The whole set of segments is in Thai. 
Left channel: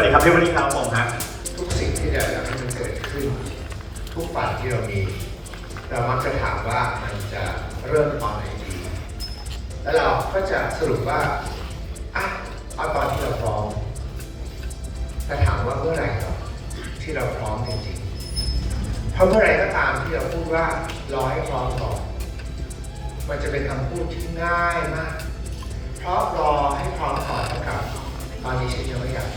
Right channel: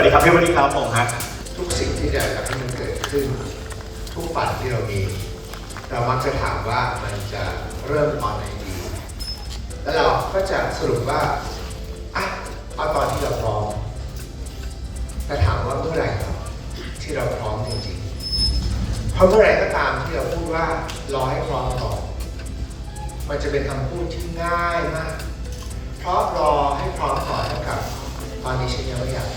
วัสดีครับพี่วันนี้ครับผมครับทุกสิ่งที่เราอยากให้มันเกิดขึ้น ทุกฝันที่เรามี เรามักจะถามว่ามันจะเริ่มตอนไหนดี แล้วเราก็จะสรุปว่าอะเอาตอนที่เราพร้อมแต่ถามว่าเมื่อไหร่ที่เราพร้อมจริงๆเพราะเมื่อไหร่ก็ตามที่เราพูดว่ารอให้พร้อมก่อนมันจะเป็นคำพูดที่ง่ายมาก เพราะรอให้พร้อมก่อนเท่ากับตอนนี้ฉันยังไม่อยาก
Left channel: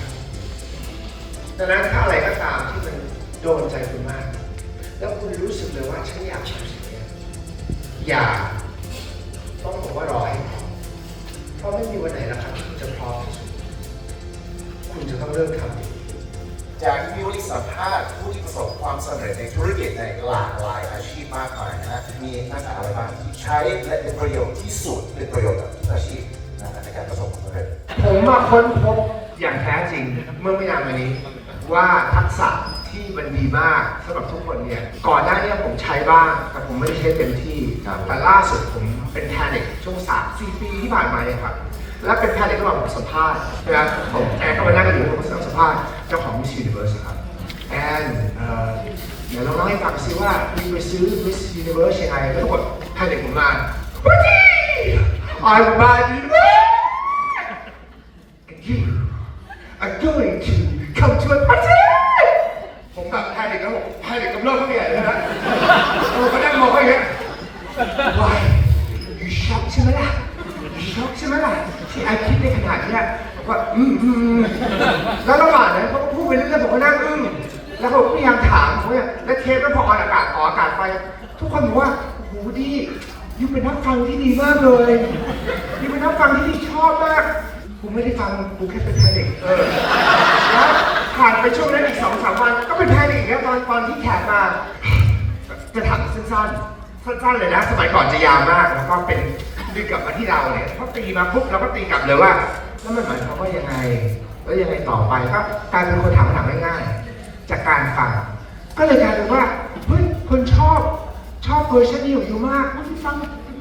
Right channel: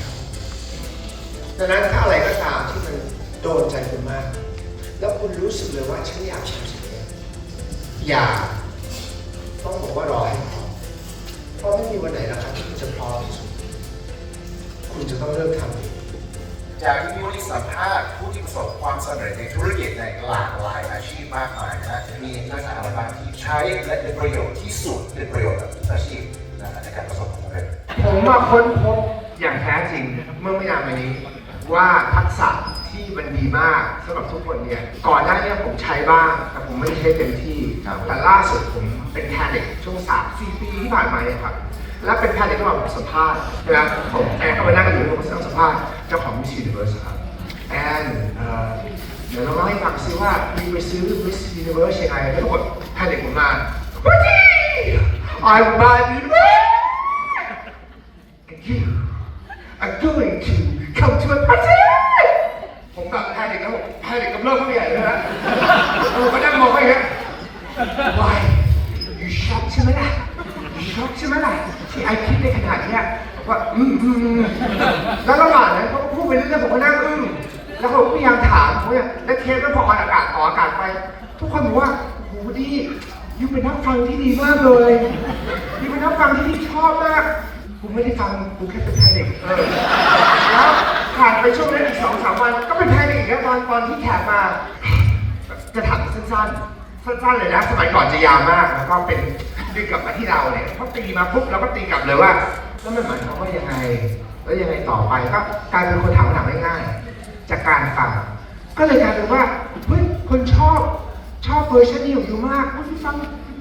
ดังนั้นถ้าอะไรก็ตามที่มันโดนใจคุณมาก แล้วคุณรู้สึกเลยว่าฉันอยากทำสิ่งนี้อย่าต้องบอกว่ารอให้พร้อมเพราะไม่มีวันไหนหรอกครับที่คุณจะพร้อมที่สุดคุณจะต้องเริ่มทำจากที่มิวได้สัมภาษณ์ผู้ที่ประสบความสำเร็จในธุรกิจในหลากหลายอาชีพมากมายนะฮะมีลักษณะอะไรบ้างที่ใช้และเป็นประโยชน์ที่สุดเป็นประโยชน์กับทุกอาชีพนะฮะในการประสบความสำเร็จผมมาค้นพบอย่างแท้จริงเมื่อไม่นานมานี้ ว่าทักษะที่มันดีมากสำหรับทุกคนเนี่ยก่อนหน้านี้ผมใช้บ้าง แต่ผมไม่ได้ใช้เต็มที่ ครับ แต่ล่าสุดผมเป็นแพนิคช่วงสามสี่ปีที่ผ่านมาเนี่ยครับและเป็นแพนิคที่มาผมสัมภาษณ์นะครับผมแอนก็มานั่งอยู่ผมสัมภาษณ์เจ้าของมิสซิเวิร์สครับแอนเอ่อเดี๋ยวเราเล่าให้ฟังซิว่ามีไปซื้อมิสซิเวิร์สยังไงแล้วทุกคนแพนิคผมมาวันนี้ I will buy you and you are going to come to a party ผมแบบแพนิคแล้วผมแพนิคกับเรื่องเขาใหญ่เลยนะผมก็นั่งมองเขาอย่างเงี้ย Why you shocked ใช่ไหมล่ะ you shocked ใช่ไหมล่ะที่ไอคิดในขนาดเนี้ยผมก็อืมอืมอืมแล้วระหว่างนั้นเขาก็พูดไปเรื่อยๆผมก็นั่งอึ้งแล้วเขาก็พยายามถามเขาเนี่ยแล้วเทปแล้วพออออากาศออกอากาศไป ทุกคนบอกว่าโหดียูเป็นนักฟังที่ดีมากเลยยูเป็นนักฟังที่ชอบมาก กูไม่ได้ฟังกูแค่เป็นไทยเด็กเออแล้วผ่านไปช่วงนั้นอีกสองสามวันก็เป็นไทยเด็กอีกแล้วตอนตอนที่แขกมา จะถามสั้นๆสั้นๆเลยนะ สมัยก่อนจะยาวมาก แล้วก็เป็นดึงกลับมาที่เราเนี่ยพอตีมาปุ๊บเราก็ตีกลับเลยว่าแล้วมันหมายความว่ายังไงแล้วยังไงต่อไปก็กลายเป็นคนถามถามง่ายๆจากการฟังก็เลยกลายเป็นว่าเฮ้ยคนชอบชอบเวอร์ชันนี้ของยูมากเพราะยูฟัง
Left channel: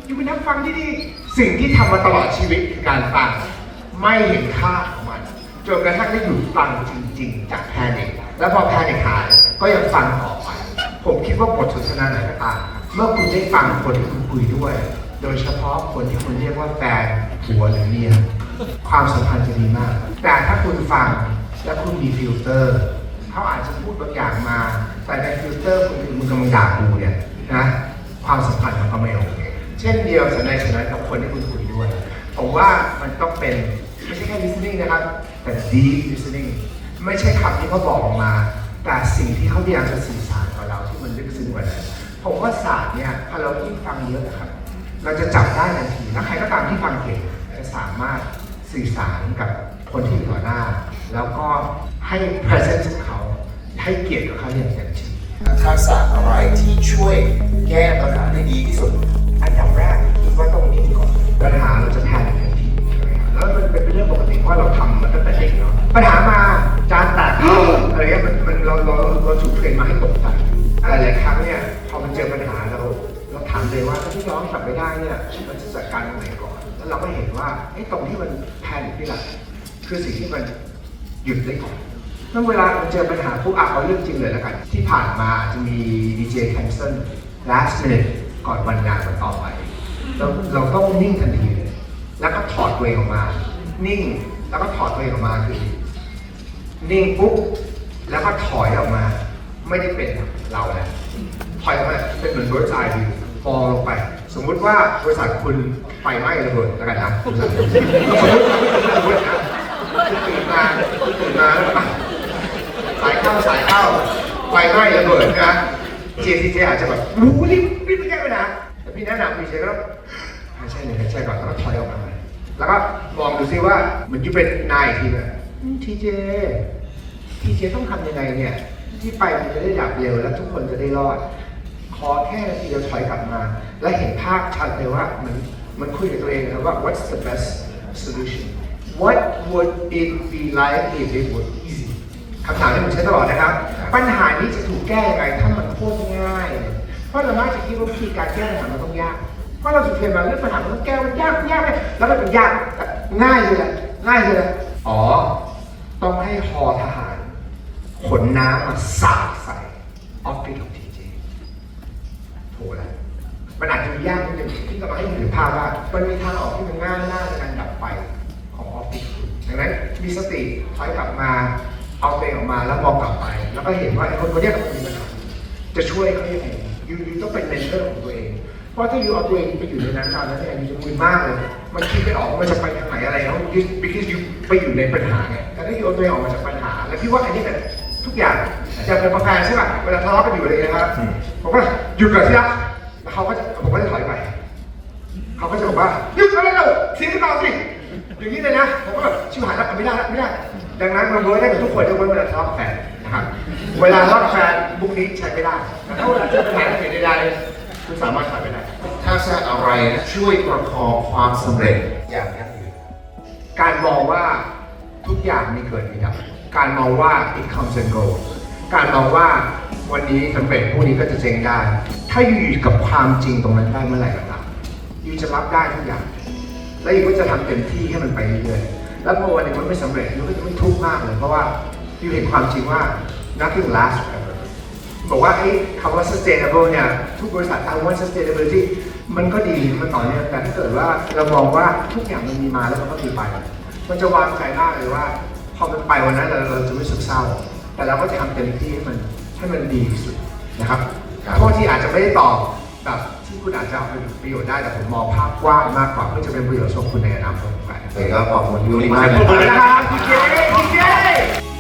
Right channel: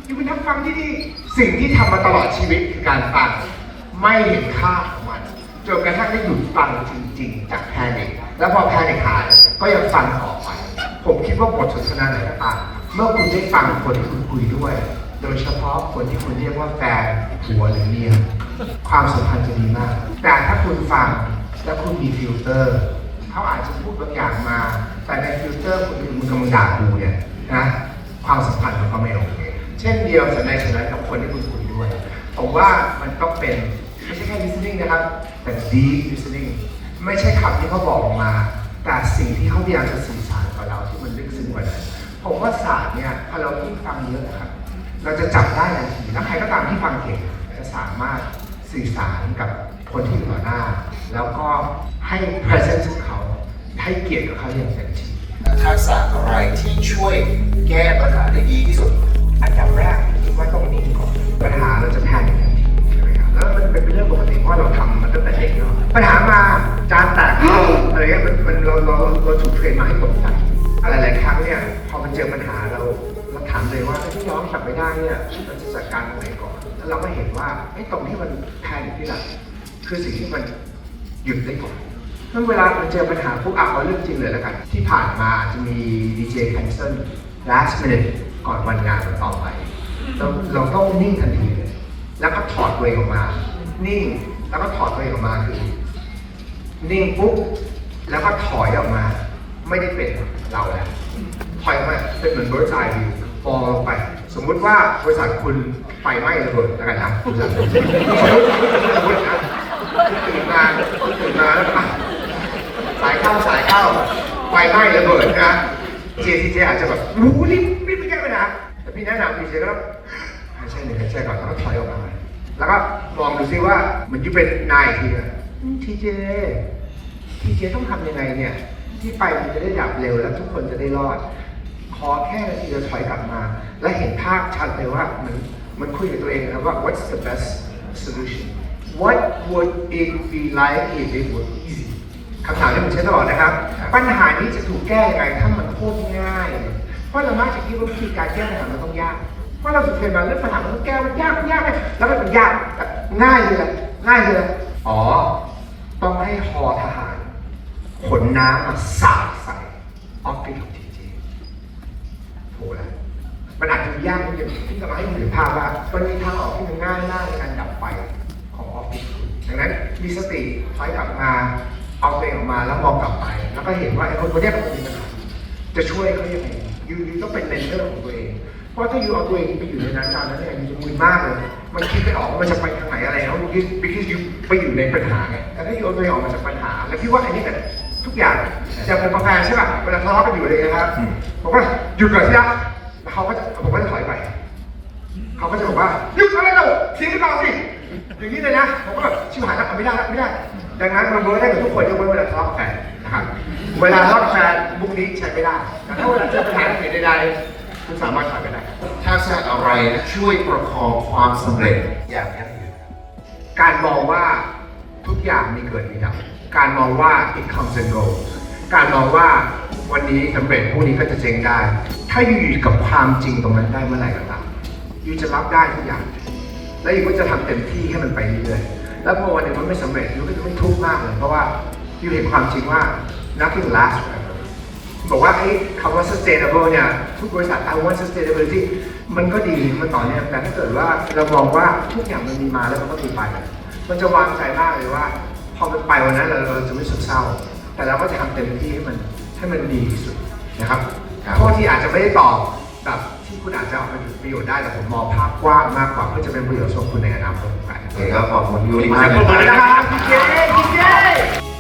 ยูเป็นนักฟังที่ดี สิ่งที่ทำมาตลอดชีวิตคือการฟัง ไม่เห็นค่าของมันจนกระทั่งได้หยุดฟังจริง ๆ จากแพนิคแล้วพอแพนิคหายก็ยังฟังต่อไป ผมคิดว่าบทสนทนาไหนก็ตามเมื่อคุณได้ฟังคนที่คุณคุยด้วย โดยเฉพาะคนที่คุณเรียกว่าแฟนผัวหรือเมียความสัมพันธ์จะดีมาก แต่ถ้าคุณฟังแล้วคุณมีฟิลเตอร์เขาอาจจะพูดบางอย่างมา แต่ในฟิลเตอร์คุณคุณกำลังด่ากูเนี่ยนะความสัมพันธ์มันก็ไม่โอเคเช่นเดียวกับในฉะนั้นกับคนที่คุณคุยด้วย ผมว่ามันต้องเป็น ไม่ใช่แค่ listening นะครับ แต่ deep listening ไม่ใช่คำที่เขาบอกออกมา แต่สิ่งที่เขาพยายามจะสื่อสารกับเราที่มันลึกซึ้งกว่านั้นผมว่าศาสตร์เนี่ยพอเรายิ่งฟังเยอะนะครับ เราจะจับได้ทันทีและใครก็ตามที่ฟังเก่งจะสามารถสื่อสารกับคนที่อยู่ต่อหน้า แล้วก็ให้ presence ของเขาให้เกียรติกับเขาอย่างเต็มที่ทักษะอะไรที่ช่วยแก้ปัญหาได้ดีที่สุด อันดับแรกคิดว่าต้องนิ่งก่อนปัญหาเราจะ เนาะปัญหามาจานแตกอะไรเงี้ยมันมันเราเราเราถูกเทรนมาให้ตกใจหลายๆครั้งเนี่ยพอมันเจอปัญหาเราเราถามเลยว่าที่น้องจับไม่ได้เนี่ยเราจะจัดการตรงไหนก่อน แล้วเราก็เห็นว่าไอ้ตรงที่มันแพงอยู่ที่หลังคือสิ่งที่มันหยุดได้ก่อนเมื่อเวลามันเจอปัญหาพวกอะเอาเรื่องจริงเลยแล้วกัน ที่ผ่านมาจะมีดีเจแคนเซิล last minute ก่อนวันงานวันต่อไปเราเราต้องนิ่งทันทีเลยแล้วก็ถอดตัวเองออกมา นิ่ง แล้วก็ถอดตัวเองออกมาคือนิ่งปุ๊บแล้วก็ถอยออกมา ไม่ได้เป็นเราแล้วถอยออกมาเป็นเหมือนบริษัทอยู่ฟองลงไป สมมุติว่าบริษัทคุณไฟไหม้ระเบิดแล้วกันนะบริษัทคุณตื่นมาตื่นมาแล้วสายเข้าสายเข้าไฟไหม้ระเบิดนะเจซีเจอาจจะแบบรู้รีบรีบไปแก้ปัญหาแต่พี่แนะนำพี่เจก็ต้องหายใจหนึ่งหายใจก่อนแล้วก็ถอยออกมา แล้วก็มองดูซิว่าเหมือนยู่เป็นนายอีกทีนึงทีเจทีเจต้องทำยังไงเนี่ย ที่ไปมันจะได้ดับเร็วและทุกคนจะได้รอด ขอแค่ทีเดียวถอยกลับมา และเห็นภาพชัดเลยว่ามันมันคุยกับตัวเองนะว่า what's the best solution what would it be like if it were easy คำถามที่ผมใช้ตลอดนะครับ ปัญหานี้จะถูกแก้ยังไงถ้ามันโคตรง่าย เพราะเรามักจะคิดว่าวิธีการแก้ปัญหามันต้องยาก เพราะเราสุดเทรนมาเรื่องปัญหามันต้องแก้มันยากมันยากไหมแล้วมันยากง่ายเลยแหละง่ายเลยอ๋อ ต้องให้ฮอทหาร ขนน้ำมาสาดใส่ออฟฟิศของทีจีโหนะมันอาจจะยากนิดนึงที่จะมาให้เห็นภาพว่า มันมีทางออกที่มันง่ายมากในการดับไฟของออฟฟิศคุณดังนั้นมีสติถอยกลับมาเอาตัวเองออกมาแล้วมองกลับไป แล้วก็เห็นว่าไอ้คนคนเนี้ยมันมีปัญหาจะช่วยเขายังไงยูยูต้องเป็นเมนเทอร์ของตัวเอง เพราะถ้ายูเอาตัวเองไปอยู่ในนั้นตอนนั้นเนี่ยยูจะมึนมากเลย มันคิดไม่ออกว่ามันจะไปทางไหนอะไรแล้วยู because ยูไปอยู่ในปัญหาไงแต่ถ้ายูเอาตัวเองออกมาจากปัญหา แล้วพี่ว่าอันนี้กับทุกอย่างจะเป็นกาแฟใช่ป่ะเวลาทะเลาะกันอยู่เลยนะครับบอกว่าหยุดก่อนสิครับแล้วเขาก็จะผมก็จะถอยไปเขาก็จะบอกว่าหยุดอะไรเราทิ้งเราสิอย่างนี้เลยนะผมก็แบบชิบหายแล้วไม่ได้แล้วไม่ได้ ดังนั้นมันเวิร์กได้กับทุกคนยกเว้นเวลาทะเลาะกับแฟนนะครับเวลาทะเลาะกับแฟนบุกนี้ใช้ไม่ได้แต่ถ้าเวลาเจอปัญหาเหตุใดๆคุณ สามารถทำได้ทักษะอะไรช่วยประคองความสำเร็จอย่างยั่งยืนการมองว่าทุกอย่างมีเกิดมีดับการมองว่า it comes and goes การมองว่าวันนี้สำเร็จพรุ่งนี้ก็จะเจ๊งได้ ถ้าอยู่อยู่กับความจริงตรงนั้นได้เมื่อไหร่ก็ตามอยู่จะรับได้ทุกอย่าง แล้วอยู่ก็จะทำเต็มที่ให้มันไปเรื่อยๆแล้วพอวันหนึ่งมันไม่สำเร็จอยู่ก็จะไม่ทุกข์มากเลย เพราะว่าอยู่เห็นความจริงว่า nothing lasts บอกว่าไอ้คำว่า sustainable เนี่ยทุกบริษัทเอาว่า sustainability มันก็ดีมันต่อเนื่องแต่ถ้าเกิดว่าเรามองว่าทุกอย่างมันมีมาแล้วมันก็มีไปมันจะวางใจมากเลยว่า พอมันไปวันนั้นเราเราจะไม่สุขเศร้า แต่เราก็จะทำเต็มที่ให้มันให้มันดีที่สุดนะครับโทษที่อาจจะไม่ได้ตอบแบบที่คุณอาจจะเอาไปประโยชน์ได้แต่ผมมองภาพกว้างมากกว่าเพื่อจะเป็นประโยชน์สำหรับคุณในอนาคตไปโอเคก็ขอบคุณยูริขมากอบนะคุณคนะรับ